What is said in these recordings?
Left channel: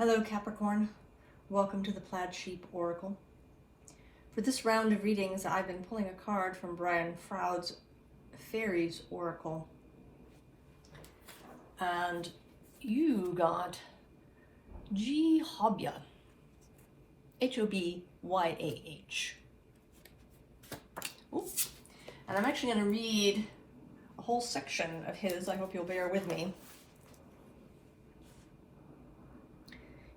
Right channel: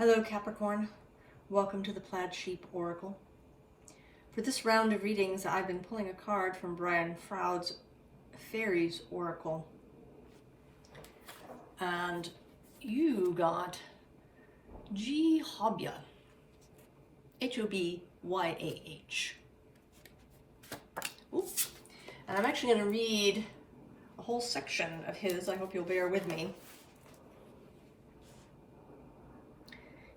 Hello Capricorn, welcome to the Plaid Sheep Oracle. For this round of readings, I've been pulling a card from Brian Froud's Faeries Oracle. And you got G-Hobyah, H-O-B-Y-A-H. And I'm actually going to read a whole section of his. I hope you'll bear with me.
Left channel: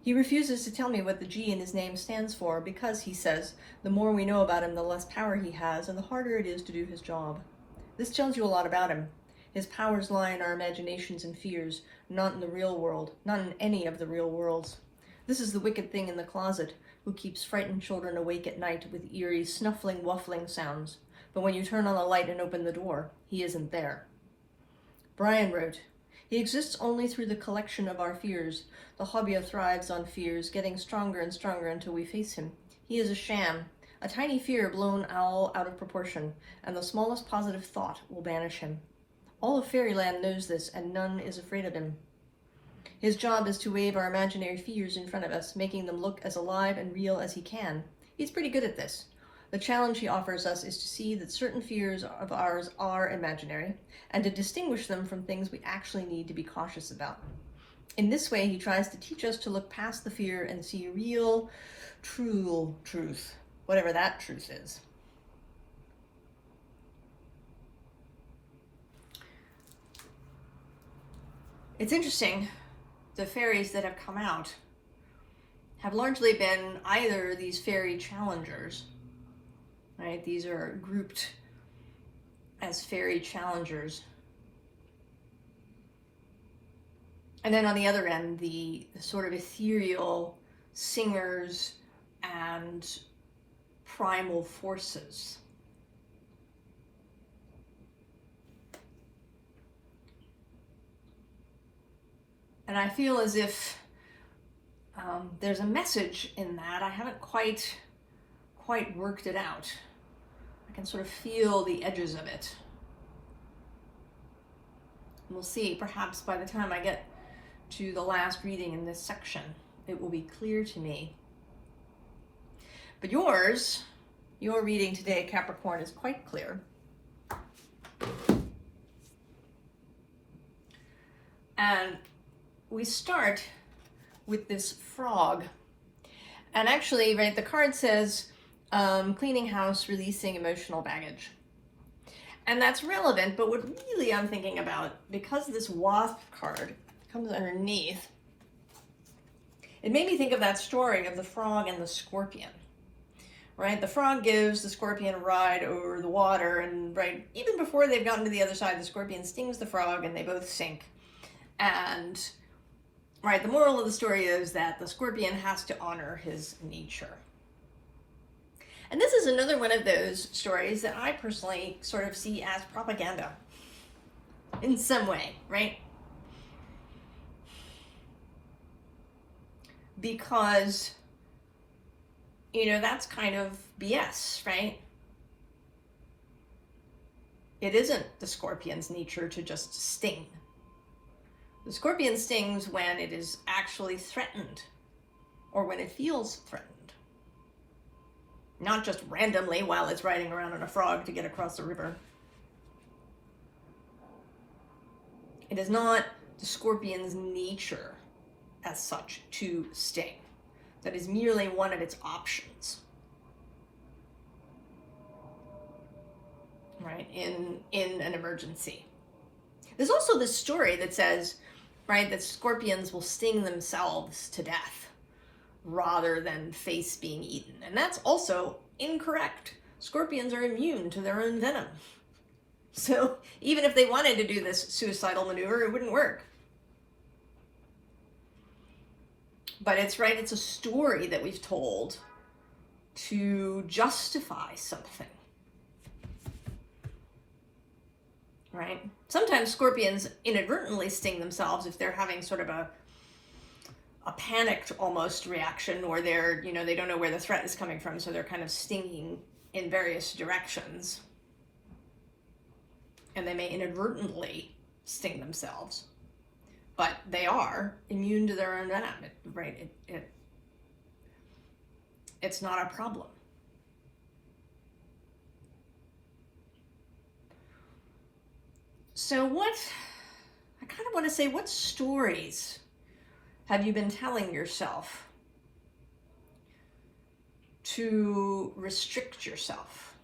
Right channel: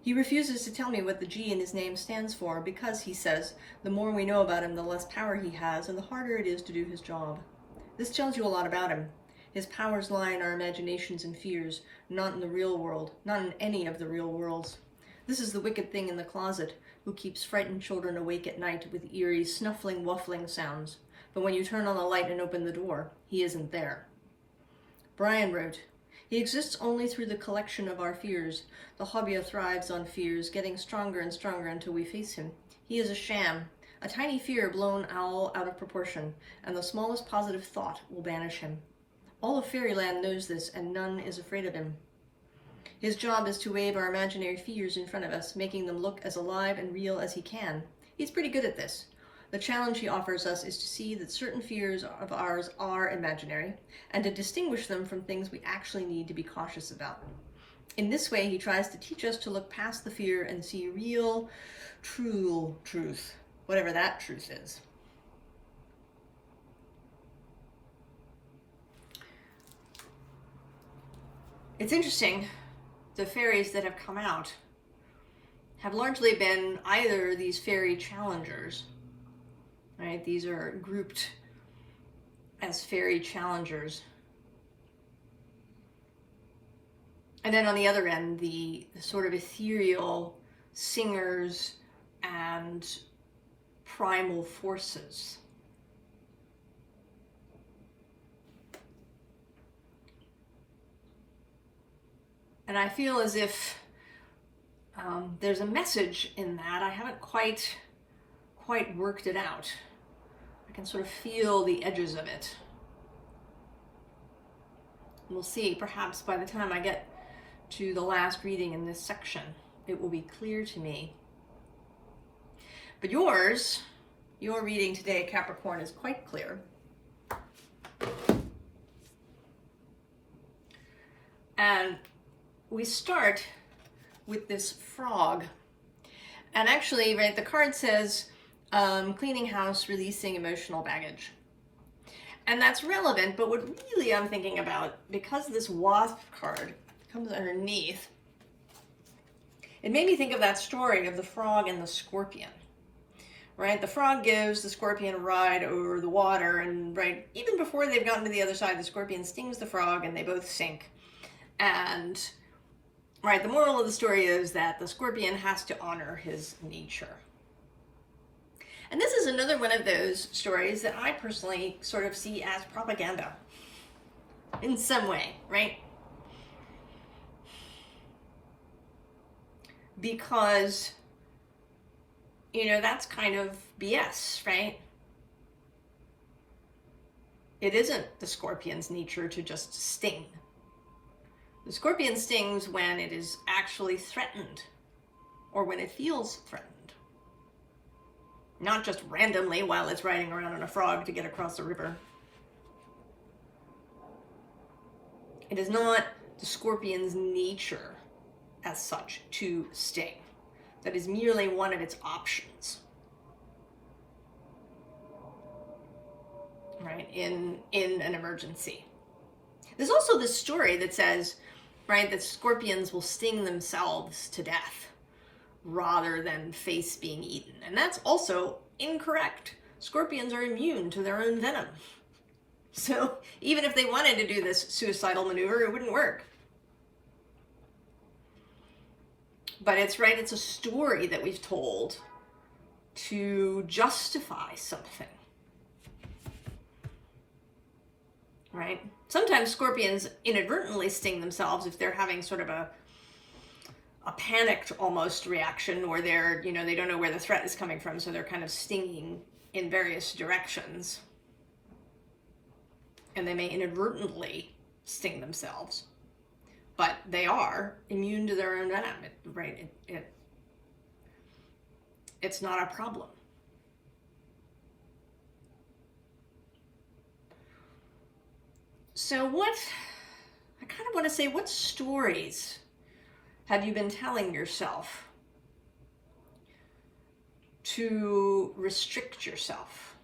He refuses to tell me what the G in his name stands for because, he says, the more we know about him, the less power he has and the harder it is to do his job. This tells you a lot about him. His powers lie in our imaginations and fears, not in the real world, not in any of the real worlds. This is the wicked thing in the closet, who keeps frightened children awake at night with eerie, snuffling, wuffling sounds. But when you turn on the light and open the door, he isn't there. Brian wrote, he exists only through the collection of our fears. The Hobyah thrives on fears, getting stronger and stronger until we face him. He is a sham, a tiny fear blown all out of proportion, and the smallest positive thought will banish him. All of fairyland knows this, and none is afraid of him. His job is to wave our imaginary fears in front of us, making them look as alive and real as he can. He's pretty good at this. The challenge he offers us is to see that certain fears of ours are imaginary, and to distinguish them from things we actually need to be cautious about. In this way, he tries to teach us to look past the fear and see real, true truth, whatever that truth is. It's interesting, the fairies that have come out have largely been either these fairy challengers, right? These are grouped as fairy challengers. And then on the other end, the sort of ethereal singers and primal forces. And I feel as if there's a message in that. I haven't quite worked it out. I can sort of feel the edges of it. And we'll see, perhaps by the time I get to the last reading in this section, it will be clear to me. But your reading today, Capricorn, is quite clear. And we start with this frog. And actually, right, the card says, cleaning house, releasing emotional baggage. And that's relevant, but what really I'm thinking about, because this wasp card comes underneath, it made me think of that story of the frog and the scorpion, right? The frog gives the scorpion a ride over the water, and right, even before they've gotten to the other side, the scorpion stings the frog and they both sink. And right, the moral of the story is that the scorpion has to honor his nature. And this is another one of those stories that I personally sort of see as propaganda in some way, right? Because, you know, that's kind of BS, right? It isn't the scorpion's nature to just sting. The scorpion stings when it is actually threatened or when it feels threatened. Not just randomly while it's riding around on a frog to get across the river. It is not the scorpion's nature as such to sting. That is merely one of its options, right, in an emergency. There's also this story that says, right, that scorpions will sting themselves to death rather than face being eaten. And that's also incorrect. Scorpions are immune to their own venom. So even if they wanted to do this suicidal maneuver, it wouldn't work. But it's right, it's a story that we've told to justify something. Right? Sometimes scorpions inadvertently sting themselves if they're having sort of a panicked almost reaction, or they're, you know, they don't know where the threat is coming from, so they're kind of stinging in various directions. And they may inadvertently sting themselves. but they are immune to their own venom. right, it's not a problem. So I kind of want to say, what stories have you been telling yourself to restrict yourself?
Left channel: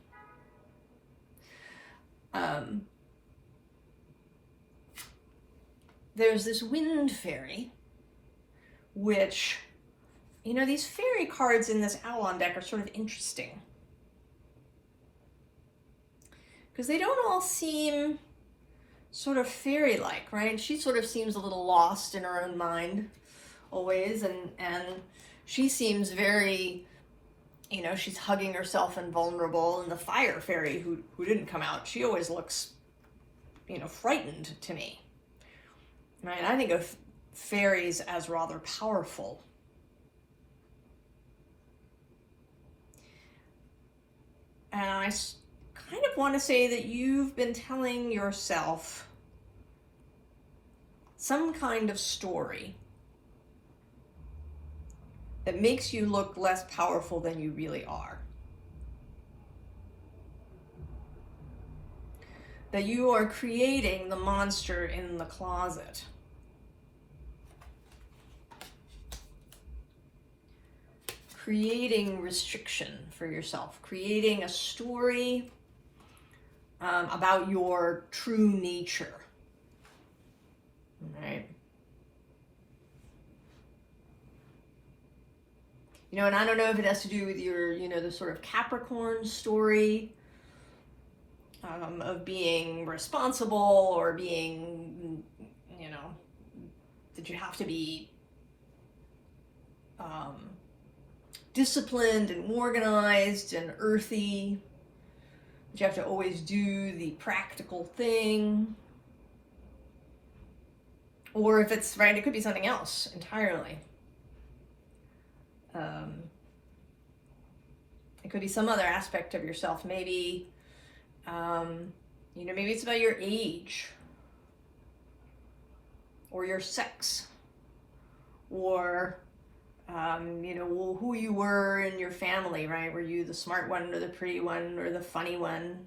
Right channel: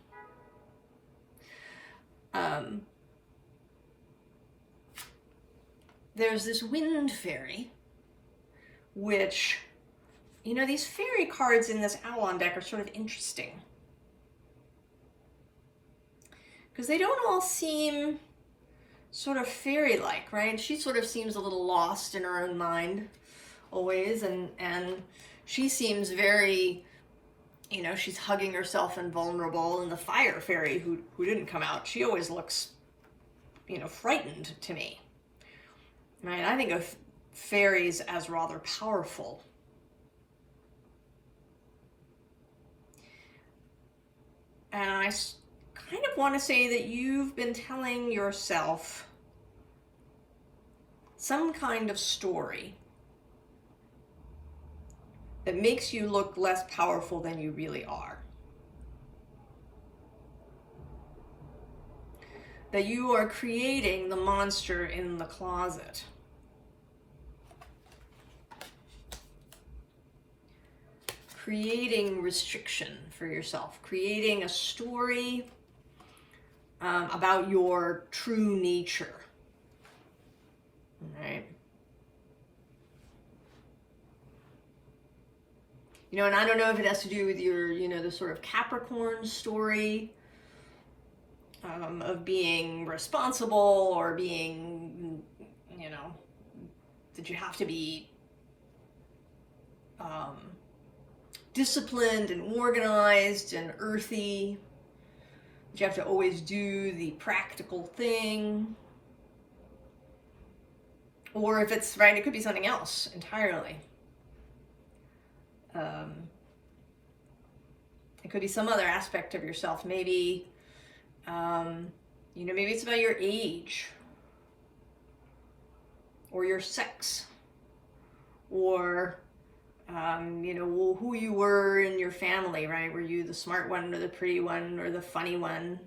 There's this wind fairy, which, you know, these fairy cards in this Avalon deck are sort of interesting, because they don't all seem sort of fairy-like, right? She sort of seems a little lost in her own mind always, and she seems very, you know, she's hugging herself and vulnerable. And the fire fairy who didn't come out, she always looks, you know, frightened to me, right? I think of fairies as rather powerful. And I kind of want to say that you've been telling yourself some kind of story that makes you look less powerful than you really are. That you are creating the monster in the closet. Creating restriction for yourself, creating a story about your true nature, right? You know, and I don't know if it has to do with your, you know, the sort of Capricorn story of being responsible, or being, you know, that you have to be disciplined and organized and earthy, that you have to always do the practical thing. Or if it's, right, it could be something else entirely. It could be some other aspect of yourself. Maybe, you know, maybe it's about your age, or your sex, or, you know, who you were in your family, right? Were you the smart one, or the pretty one, or the funny one?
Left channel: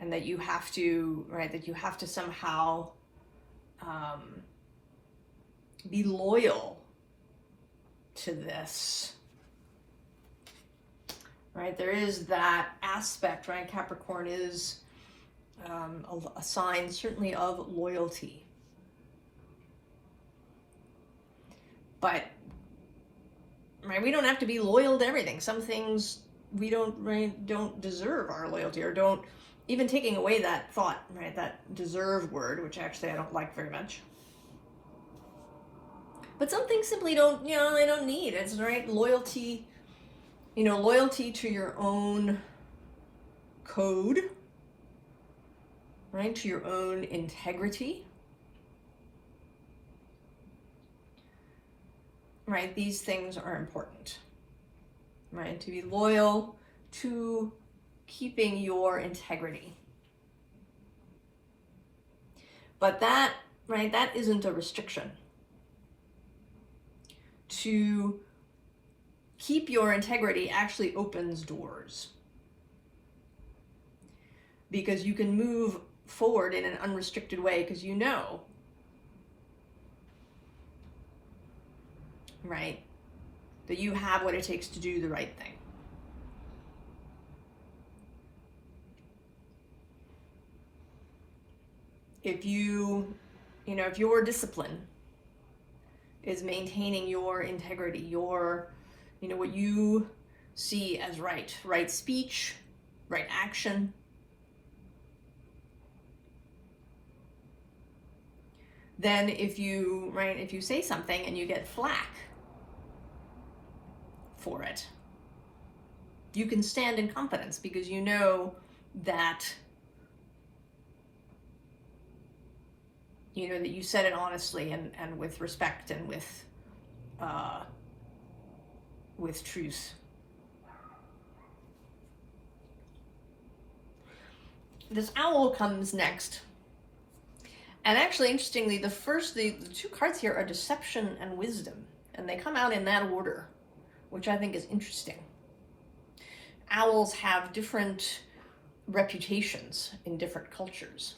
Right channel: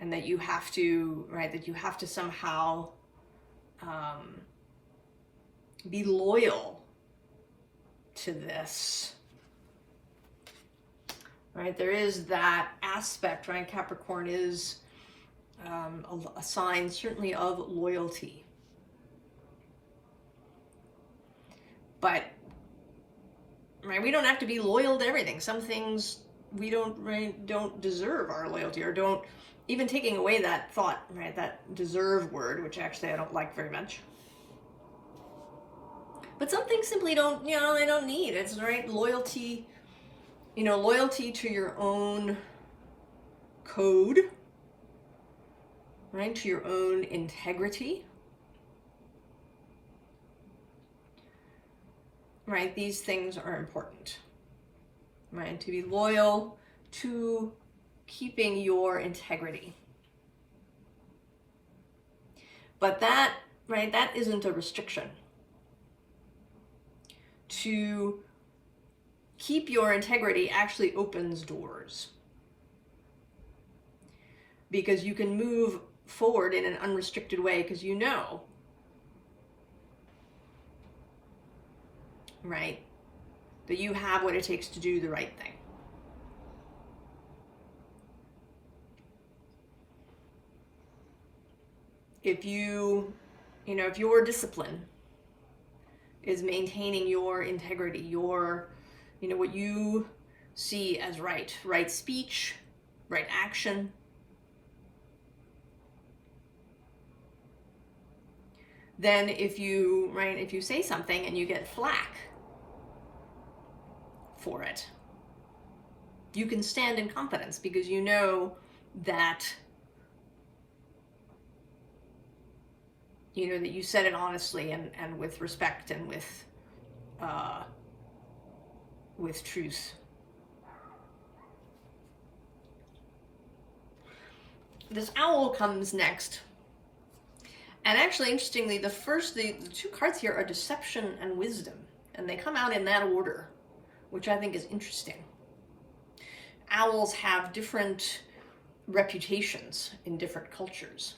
And that you have to, right, that you have to somehow be loyal to this, right? There is that aspect, right? Capricorn is a sign certainly of loyalty. But, right, we don't have to be loyal to everything. Some things we don't deserve our loyalty, or don't, even taking away that thought, right, that deserve word, which actually I don't like very much. But some things simply don't, you know, they don't need. It's, right, loyalty, you know, loyalty to your own code, right, to your own integrity. Right, these things are important, right? To be loyal to keeping your integrity. But that, right, that isn't a restriction. To keep your integrity actually opens doors, because you can move forward in an unrestricted way, because you know, right, that you have what it takes to do the right thing. If you know, if your discipline is maintaining your integrity, your, you know, what you see as right speech, right action, then if you, right, if you say something and you get flack for it, you can stand in confidence, because you know that, you know, that you said it honestly and with respect and with truth. This owl comes next, And actually, interestingly, the two cards here are deception and wisdom, and they come out in that order, which I think is interesting. Owls have different reputations in different cultures.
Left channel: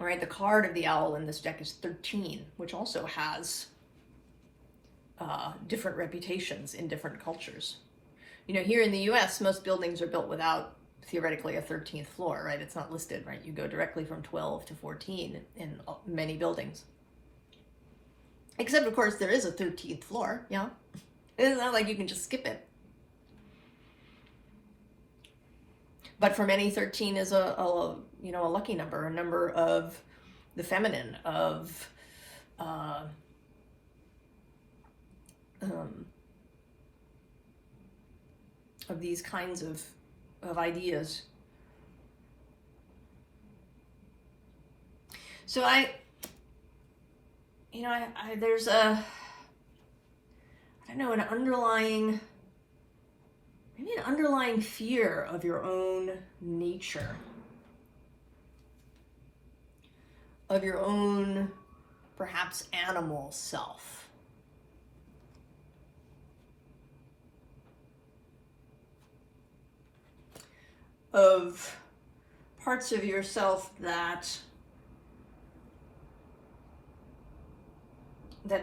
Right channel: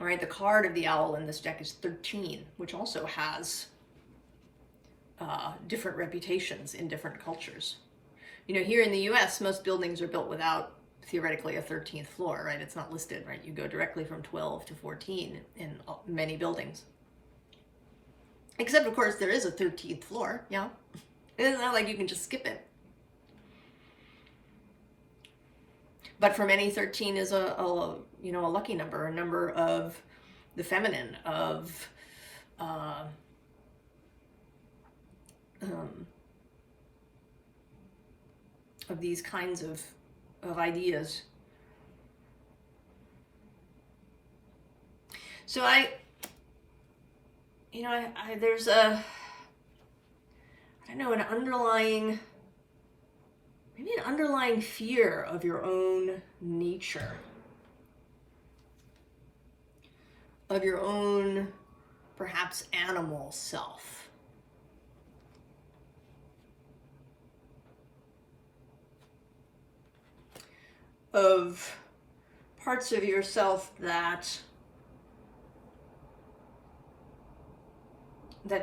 All right, the card of the owl in this deck is 13, which also has different reputations in different cultures. You know, here in the US, most buildings are built without, theoretically, a 13th floor, right? It's not listed, right? You go directly from 12 to 14 in many buildings. Except, of course, there is a 13th floor, yeah? It's not like you can just skip it. But for many, 13 is a lucky number, a number of the feminine, of these kinds of ideas. So there's a, I don't know, an underlying fear of your own nature, of your own, perhaps, animal self. Of parts of yourself that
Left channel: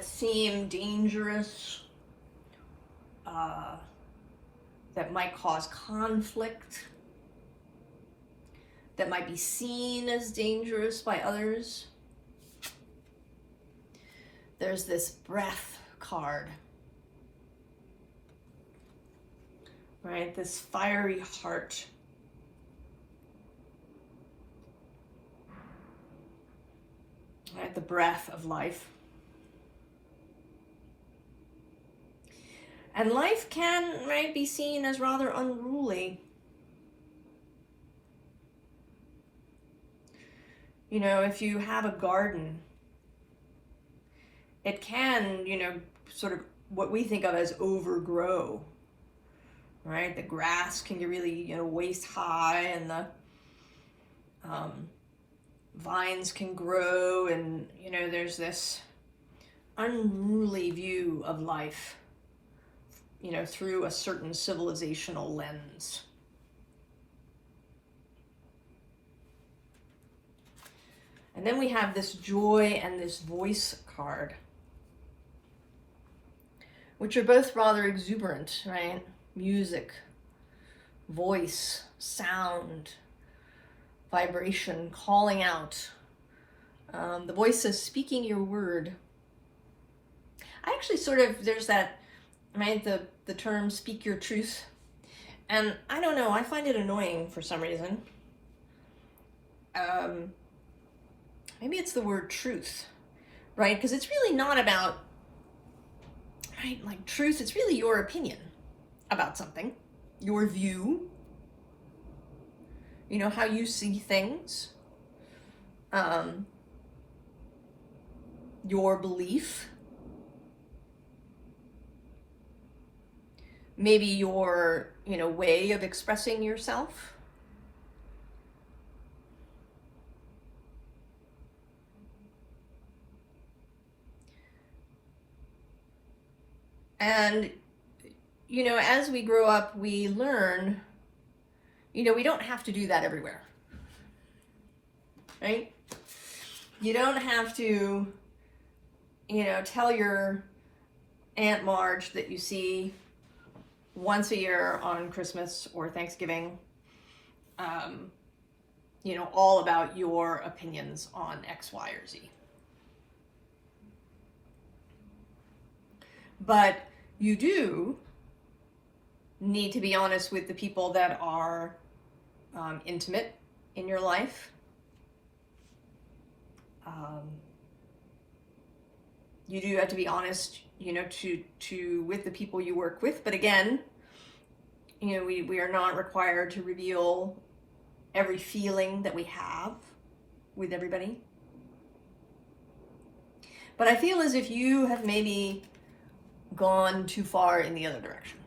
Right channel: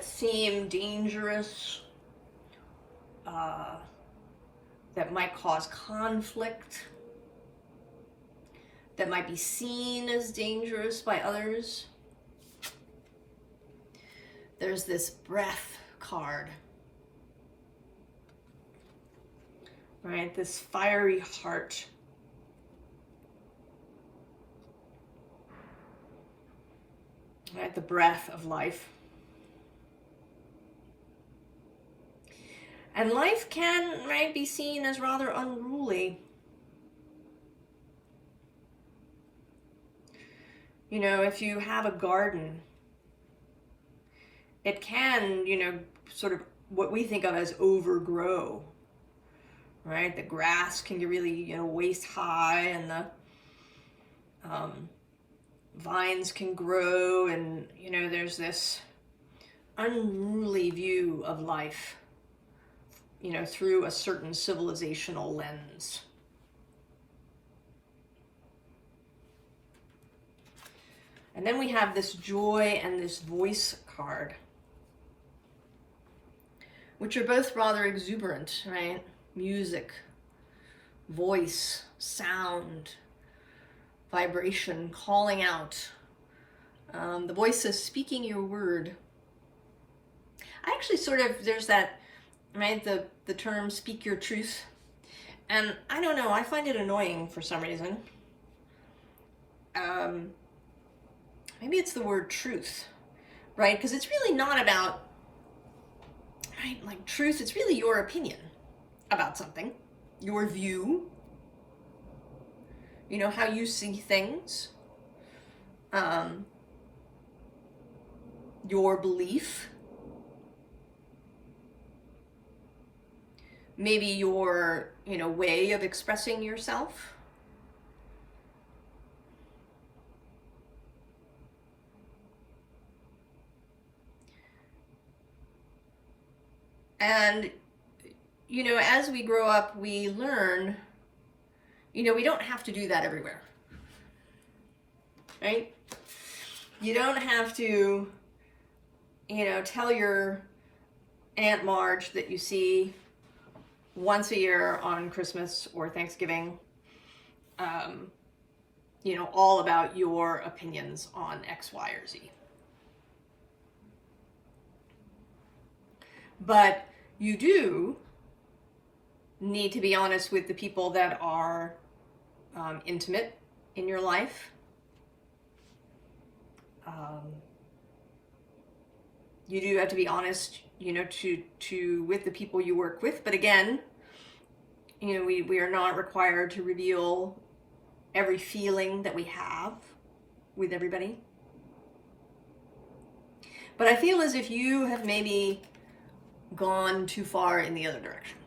seem dangerous, that might cause conflict, that might be seen as dangerous by others. There's this breath card, right? This fiery heart. Right, the breath of life. And life can, right, be seen as rather unruly. You know, if you have a garden, it can, sort of what we think of as overgrow, right? The grass can get really, waist high, and the vines can grow, and, there's this unruly view of life, through a certain civilizational lens. And then we have this joy and this voice card, which are both rather exuberant, right? Music, voice, sound, vibration, calling out. The voice is speaking your word. I actually there's that, right, the term speak your truth. And I don't know, I find it annoying for some reason. Maybe it's the word truth, right? Because it's really not about, right, like truth, it's really your opinion about something, your view, how you see things, your belief, maybe your, way of expressing yourself. And, as we grow up, we learn, we don't have to do that everywhere, right? You don't have to, tell your Aunt Marge that you see once a year on Christmas or Thanksgiving, all about your opinions on X, Y, or Z. But you do need to be honest with the people that are intimate in your life. You do have to be honest, with the people you work with. But again, we are not required to reveal every feeling that we have with everybody. But I feel as if you have maybe gone too far in the other direction.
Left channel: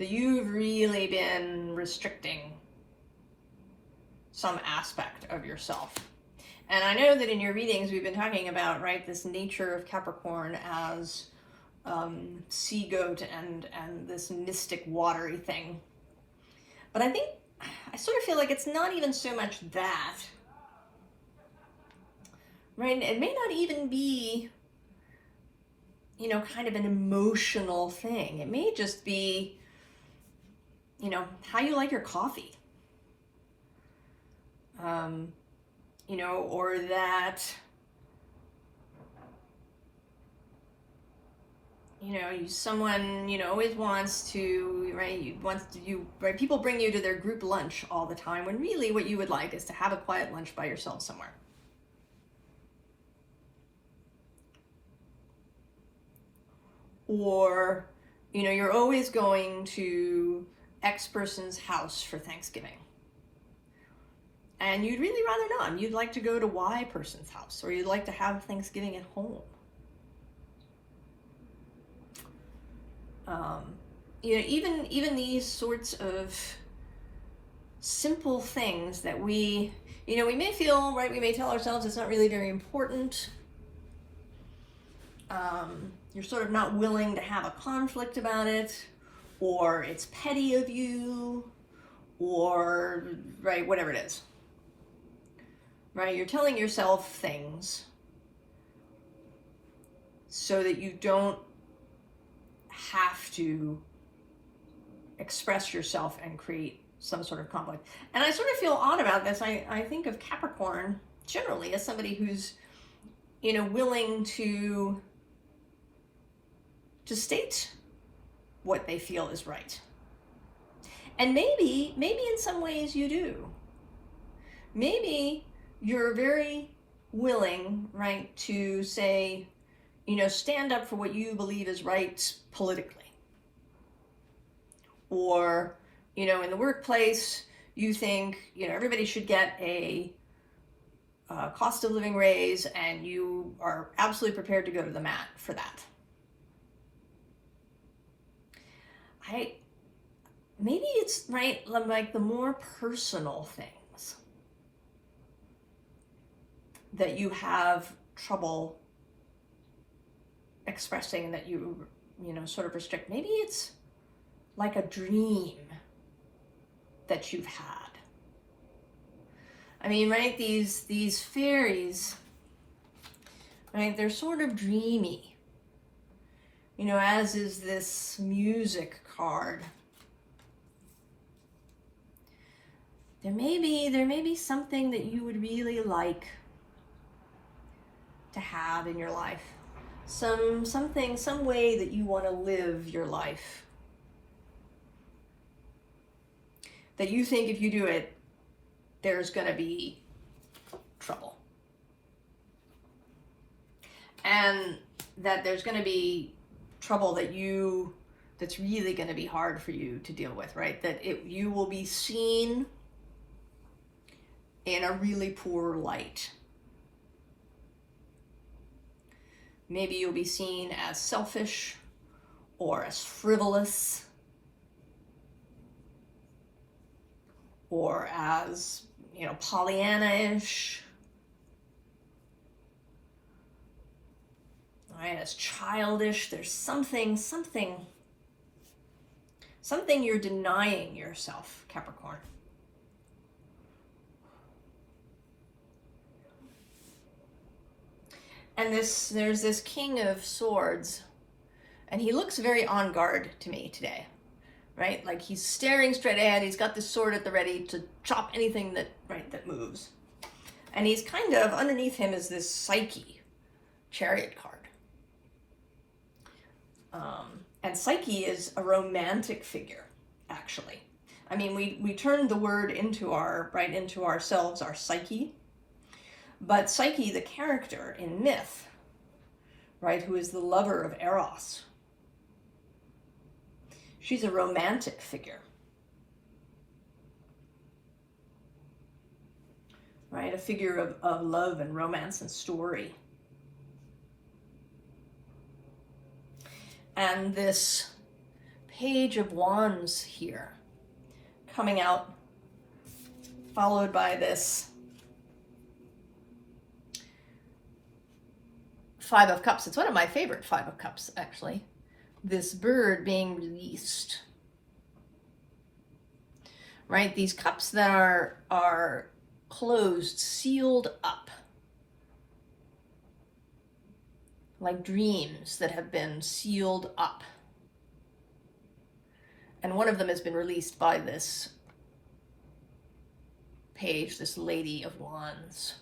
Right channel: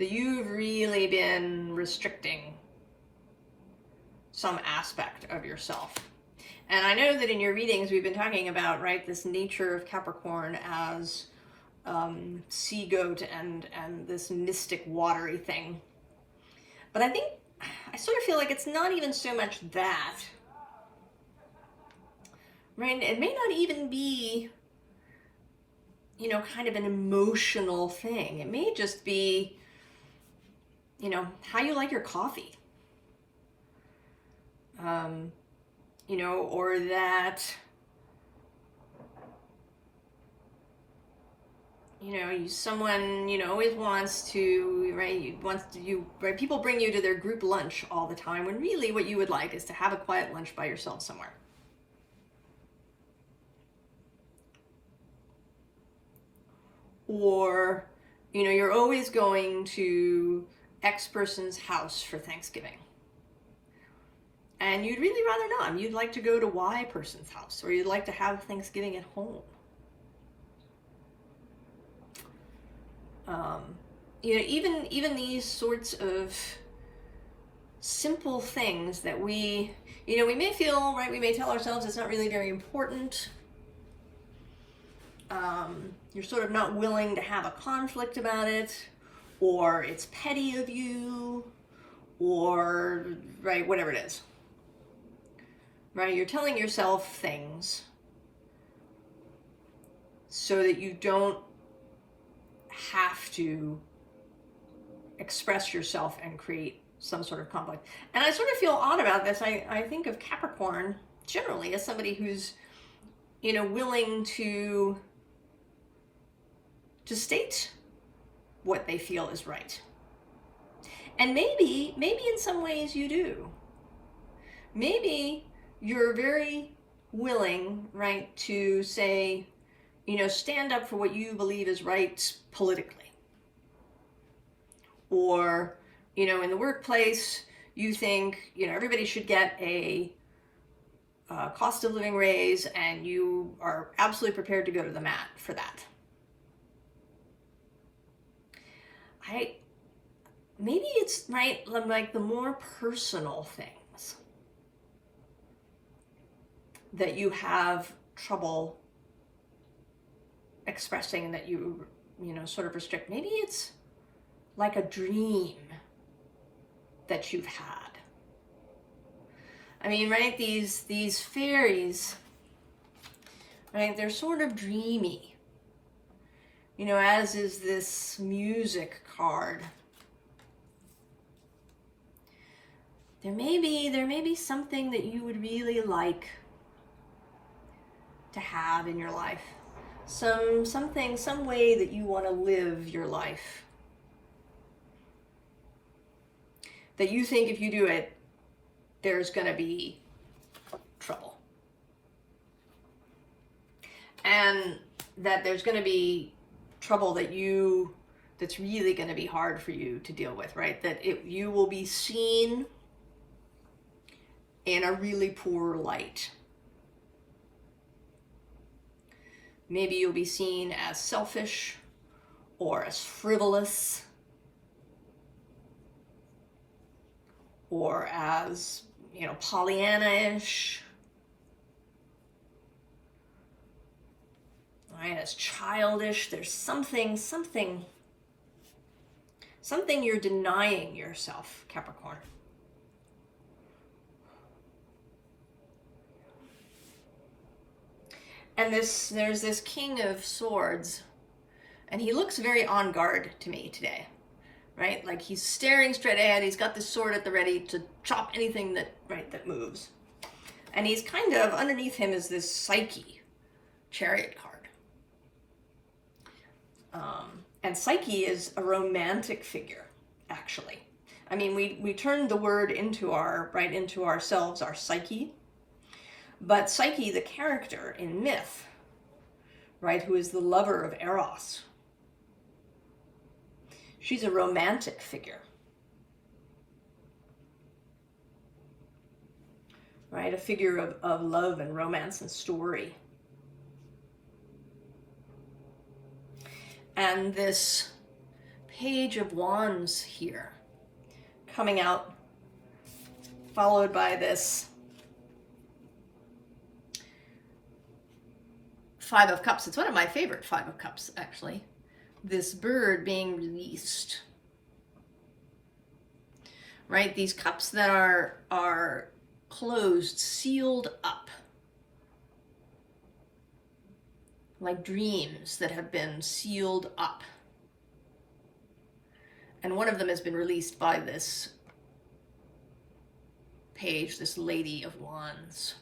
that you've really been restricting some aspect of yourself. And I know that in your readings we've been talking about, right, this nature of Capricorn as sea goat and this mystic watery thing. But I sort of feel like it's not even so much that, right? It may not even be, you know, kind of an emotional thing. It may just be, you know, how you like your coffee. You know, or that, you know, someone, you know, always wants to, right, people bring you to their group lunch all the time, when really what you would like is to have a quiet lunch by yourself somewhere. Or, you know, you're always going to X person's house for Thanksgiving. And you'd really rather not. You'd like to go to Y person's house, or you'd like to have Thanksgiving at home. You know, even these sorts of simple things that we, you know, we may feel, right, we may tell ourselves it's not really very important. You're sort of not willing to have a conflict about it, or it's petty of you, or, right, whatever it is. Right, you're telling yourself things so that you don't have to express yourself and create some sort of conflict. And I sort of feel odd about this. I think of Capricorn generally as somebody who's, you know, willing to state what they feel is right. And maybe in some ways you do. Maybe you're very willing, right, to say, you know, stand up for what you believe is right politically. Or, you know, in the workplace, you think, you know, everybody should get a cost of living raise, and you are absolutely prepared to go to the mat for that. Maybe it's, right, like the more personal things that you have trouble expressing and that you know, sort of restrict. Maybe it's like a dream that you've had. I mean, right, these fairies, right, they're sort of dreamy, you know, as is this music card. There may be something that you would really like to have in your life. Some way that you want to live your life. That you think if you do it, there's going to be trouble. And that there's going to be trouble that's really going to be hard for you to deal with, right? That you will be seen in a really poor light. Maybe you'll be seen as selfish or as frivolous or as, you know, Pollyanna-ish, right? As childish. There's something you're denying yourself, Capricorn. And there's this King of Swords, and he looks very on guard to me today, right? Like he's staring straight ahead. He's got this sword at the ready to chop anything that moves. And he's kind of, underneath him is this Psyche chariot card. And Psyche is a romantic figure, actually. I mean, we turned the word into ourselves, our psyche. But Psyche, the character in myth, right, who is the lover of Eros, she's a romantic figure, right? A figure of love and romance and story. And this Page of Wands here coming out, followed by this Five of Cups. It's one of my favorite Five of Cups, actually. This bird being released. Right? These cups that are closed, sealed up. Like dreams that have been sealed up. And one of them has been released by this page, this Lady of Wands.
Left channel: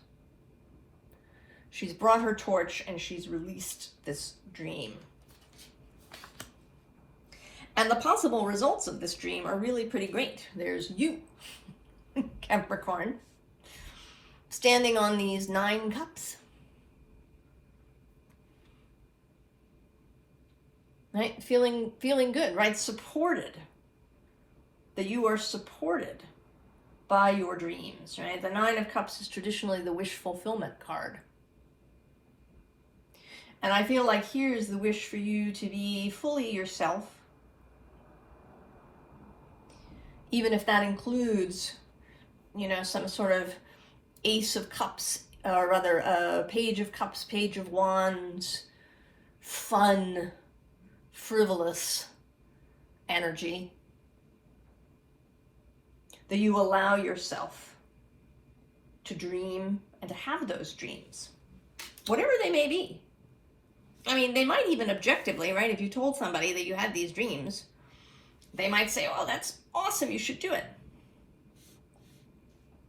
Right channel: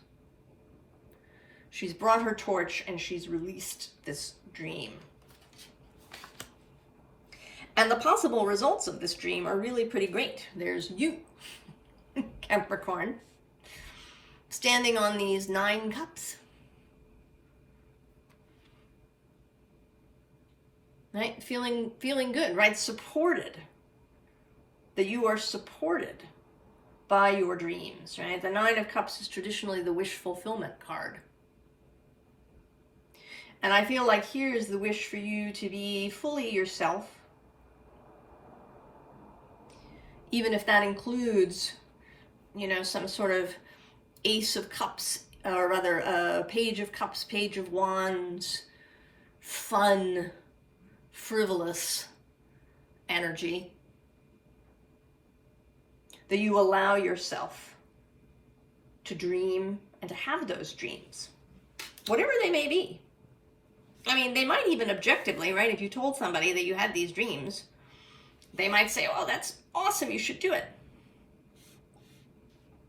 She's brought her torch and she's released this dream. And the possible results of this dream are really pretty great. There's you, Capricorn, standing on these 9 cups. Right? Feeling good, right? Supported. That you are supported by your dreams, right? The 9 of Cups is traditionally the wish fulfillment card. And I feel like here's the wish for you to be fully yourself. Even if that includes, you know, some sort of Ace of Cups, or rather, Page of Cups, Page of Wands, fun, frivolous energy. That you allow yourself to dream and to have those dreams, whatever they may be. I mean, they might even objectively, right? If you told somebody that you had these dreams, they might say, oh, that's awesome, you should do it.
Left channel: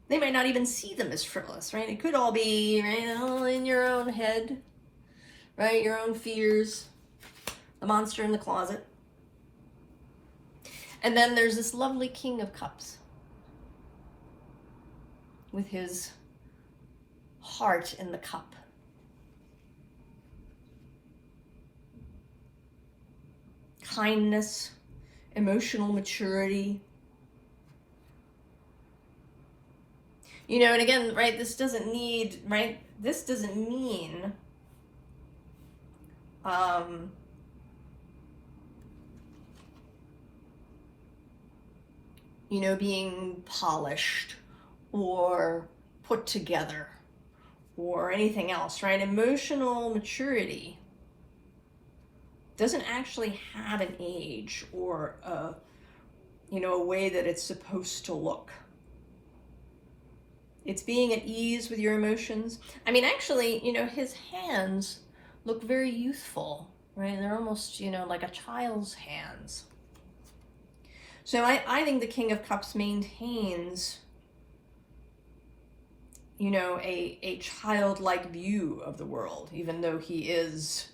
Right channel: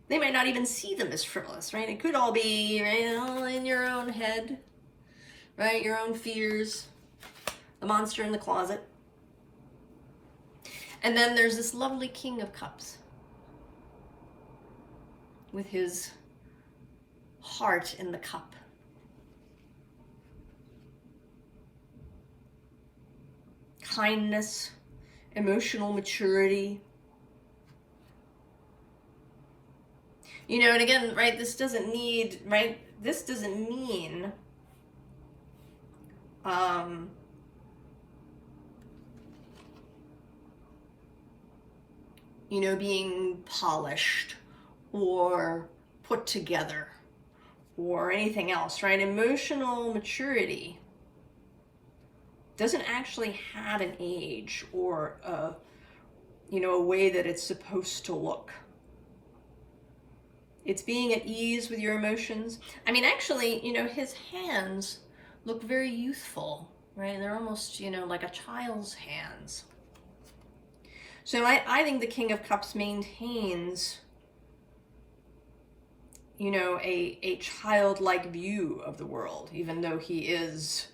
They might not even see them as frivolous, right? It could all be, right, all in your own head, right? Your own fears, the monster in the closet. And then there's this lovely King of Cups with his heart in the cup. Kindness, emotional maturity. You know, and again, right, this doesn't need, right, this doesn't mean, you know, being polished or put together or anything else, right? Emotional maturity doesn't actually have an age or a, you know, a way that it's supposed to look. It's being at ease with your emotions. I mean, actually, you know, his hands look very youthful, right? They're almost, you know, like a child's hands. So I think the King of Cups maintains, you know, a childlike view of the world, even though he is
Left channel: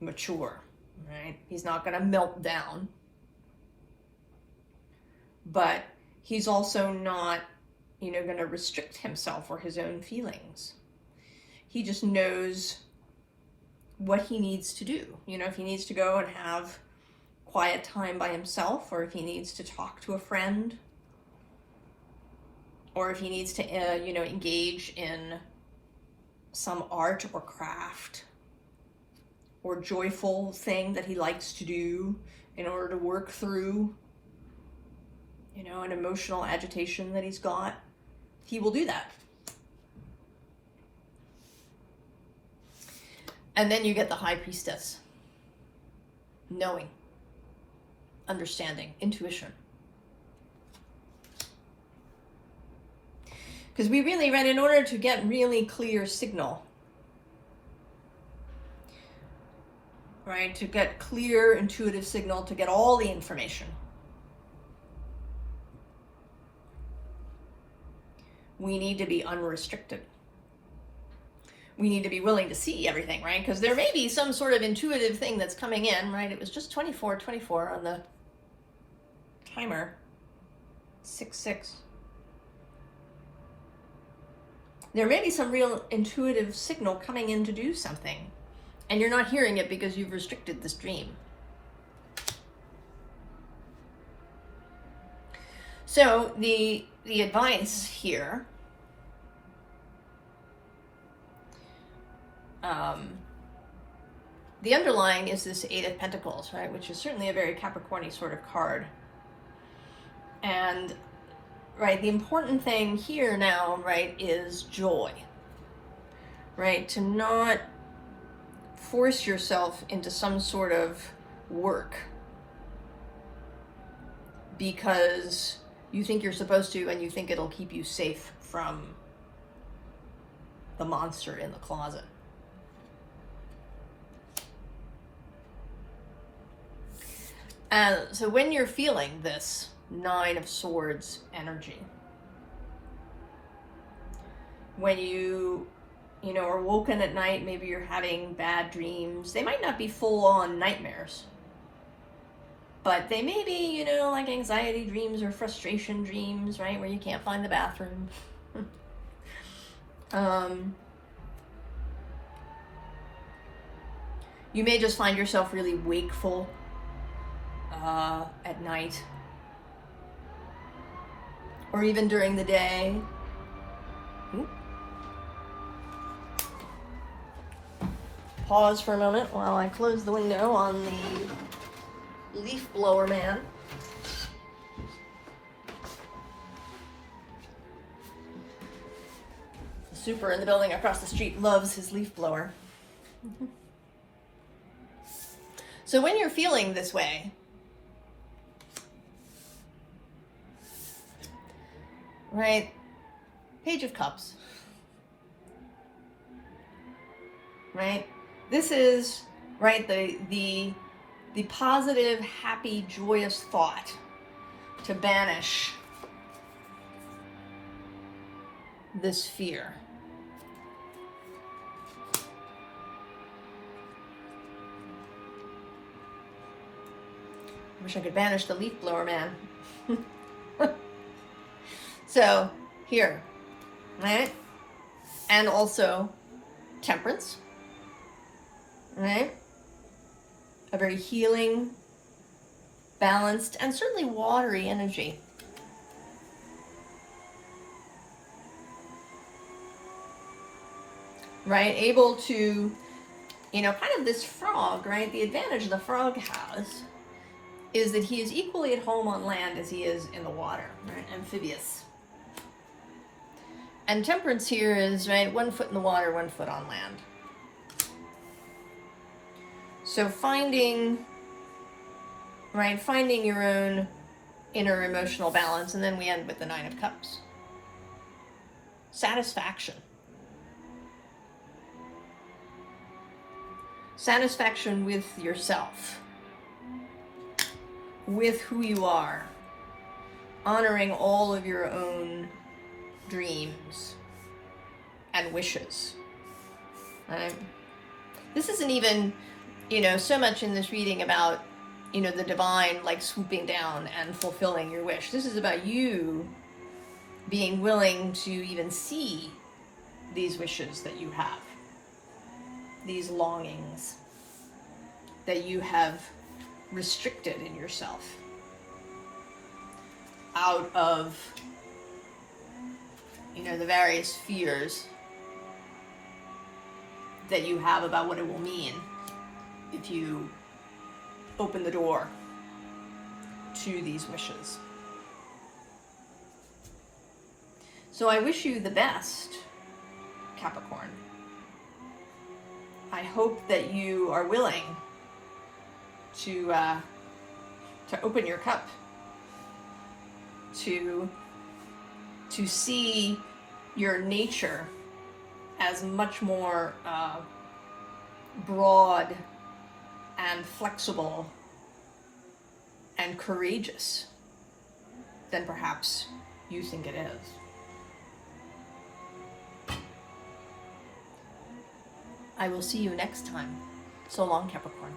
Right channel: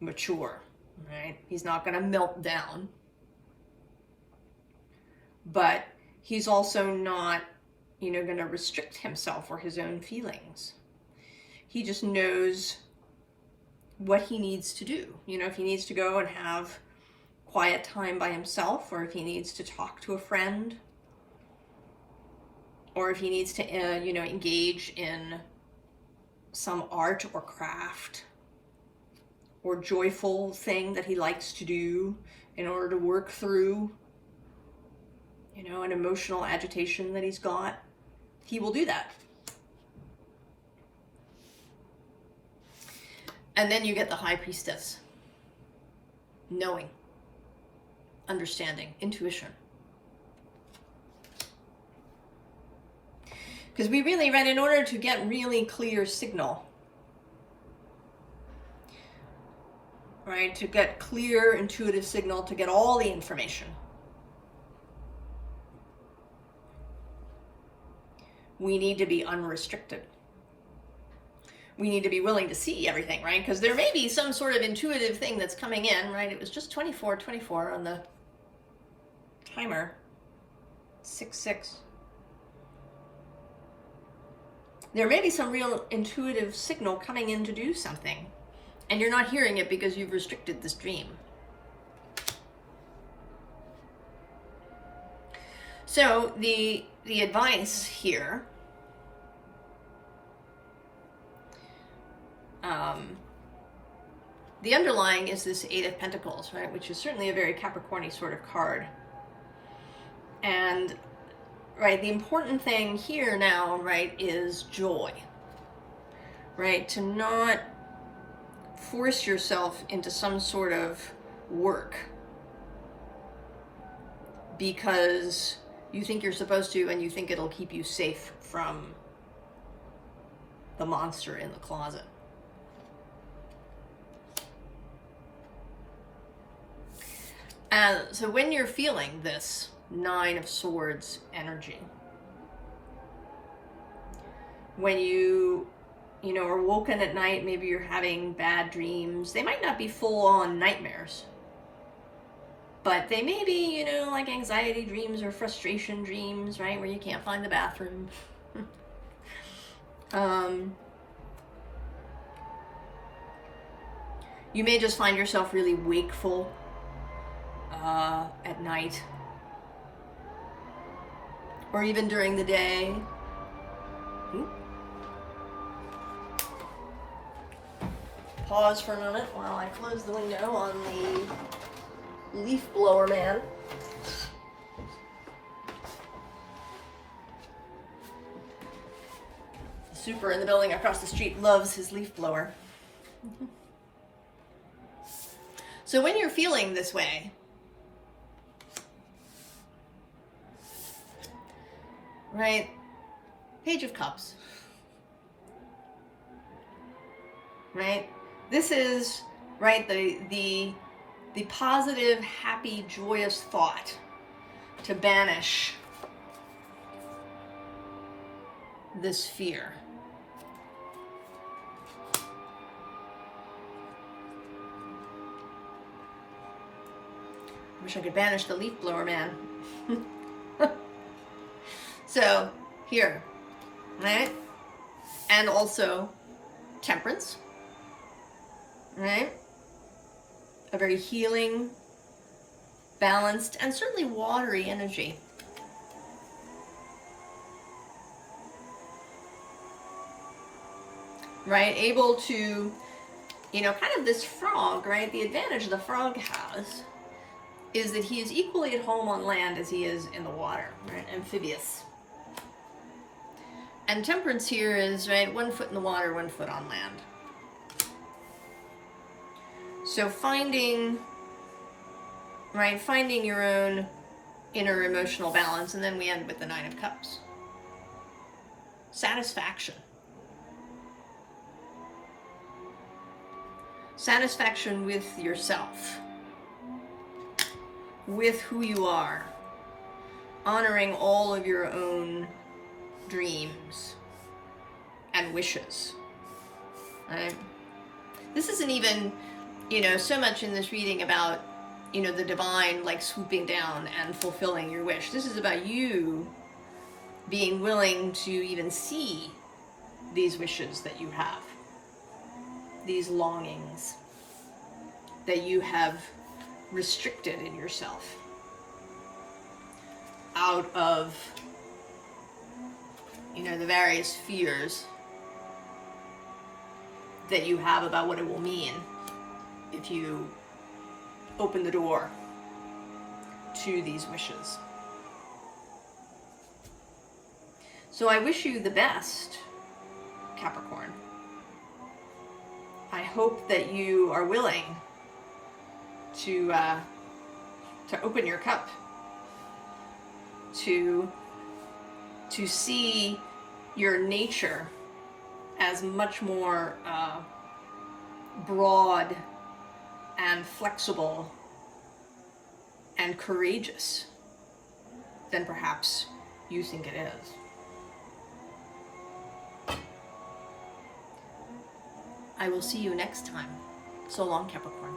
mature, right? He's not going to melt down. But he's also not, you know, going to restrict himself or his own feelings. He just knows what he needs to do. You know, if he needs to go and have quiet time by himself, or if he needs to talk to a friend, or if he needs to, you know, engage in some art or craft or joyful thing that he likes to do in order to work through, you know, an emotional agitation that he's got, he will do that. And then you get the High Priestess. Knowing, understanding, intuition. Because we really, right, in order to get really clear signal, right, to get clear intuitive signal, to get all the information, we need to be unrestricted. We need to be willing to see everything, right? Because there may be some sort of intuitive thing that's coming in, right? It was just 24 on the timer. 6-6. There may be some real intuitive signal coming in to do something, and you're not hearing it because you've restricted this dream. So the advice here, the underlying is this Eight of Pentacles, right? Which is certainly a very Capricorn-y sort of card. And, right, the important thing here now, right, is joy, right? To not force yourself into some sort of work because you think you're supposed to and you think it'll keep you safe from the monster in the closet. And so when you're feeling this Nine of Swords energy, when you are woken at night, maybe you're having bad dreams. They might not be full-on nightmares, but they may be, like anxiety dreams or frustration dreams, right, where you can't find the bathroom. You may just find yourself really wakeful at night, or even during the day. Ooh. Pause for a moment while I close the window on the leaf blower man. The super in the building across the street loves his leaf blower. So when you're feeling this way, right, Page of Cups, right? This is, right, the positive, happy, joyous thought to banish this fear. Wish I could banish the leaf blower man. So, here, right? And also Temperance, right? A very healing, balanced, and certainly watery energy. Right? Able to, kind of this frog, right? The advantage the frog has is that he is equally at home on land as he is in the water, right? Amphibious. And Temperance here is, right, 1 foot in the water, 1 foot on land. So finding your own inner emotional balance, and then we end with the Nine of Cups. Satisfaction. Satisfaction with yourself, with who you are, honoring all of your own dreams and wishes, right? This isn't even, so much in this reading about, the divine, like, swooping down and fulfilling your wish. This is about you being willing to even see these wishes that you have, these longings that you have restricted in yourself out of, the various fears that you have about what it will mean if you open the door to these wishes. So I wish you the best, Capricorn. I hope that you are willing to open your cup, to see your nature as much more broad and flexible and courageous than perhaps you think it is. I will see you next time. So long, Capricorn.